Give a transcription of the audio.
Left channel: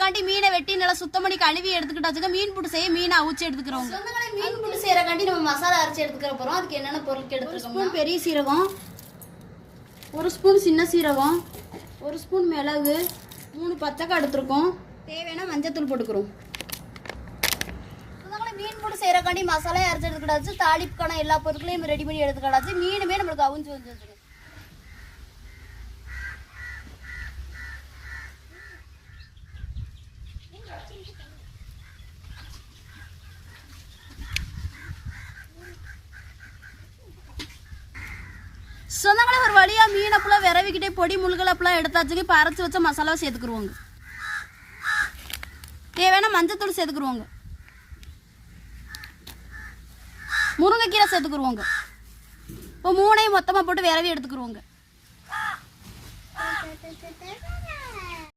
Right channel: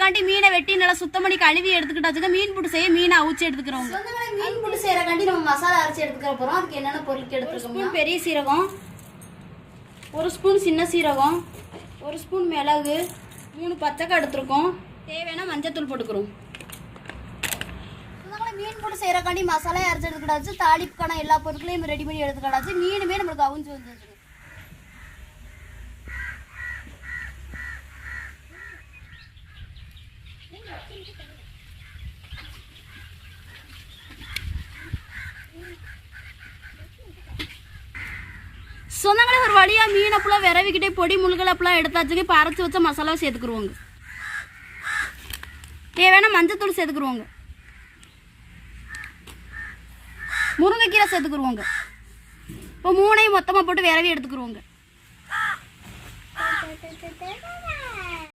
செய்யறக்காண்டி மீனை வெட்டி நல்லா சுத்தம் பண்ணி கழுவி எடுத்துக்கிட்டாச்சுங்க. மீன் புட்டு செய்ய மீனை அவிச்சு எடுத்துக்கிறோம். மீன் புட்டு செய்யறக்காண்டி நம்ம மசாலா அரைச்சி எடுத்துக்கிற போறோம். அதுக்கு என்னென்ன பொருட்கள் எடுத்துருக்கோம்? பெரிய சீரகம், 1 ஸ்பூன் சின்ன சீரகம், 1 ஸ்பூன் மிளகு, 3 பச்சைக்காய் எடுத்துருக்கோம். தேவையான மஞ்சத்தூள் போட்டுக்கிறோம். மீன் புட்டு செய்யறக்காண்டி மசாலா அரைச்சி எடுத்துக்கிட்டாச்சு. தாளிப்புக்கான எல்லா பொருட்களையும் ரெடி பண்ணி எடுத்துக்கிட்டாச்சு. மீனுமே நம்மளுக்கு அவிஞ்சு வந்துருக்கு. சொந்தங்களே ஒரு வழியா மீன் அப்பெல்லாம் விரவிக்கிட்டே பொடி முள்கள் அப்பெல்லாம் எடுத்தாச்சுங்க. இப்போ அரைச்சி வச்ச மசாலாவை சேர்த்துக்குருவோங்க. தேவையான மஞ்சத்தூள் சேர்த்துக்குருவோங்க. முருங்கைக்கீரை சேர்த்துக்குருவோங்க. இப்போ 3ஐயும் மொத்தமாக போட்டு விரவி எடுத்துக்குருவோங்க.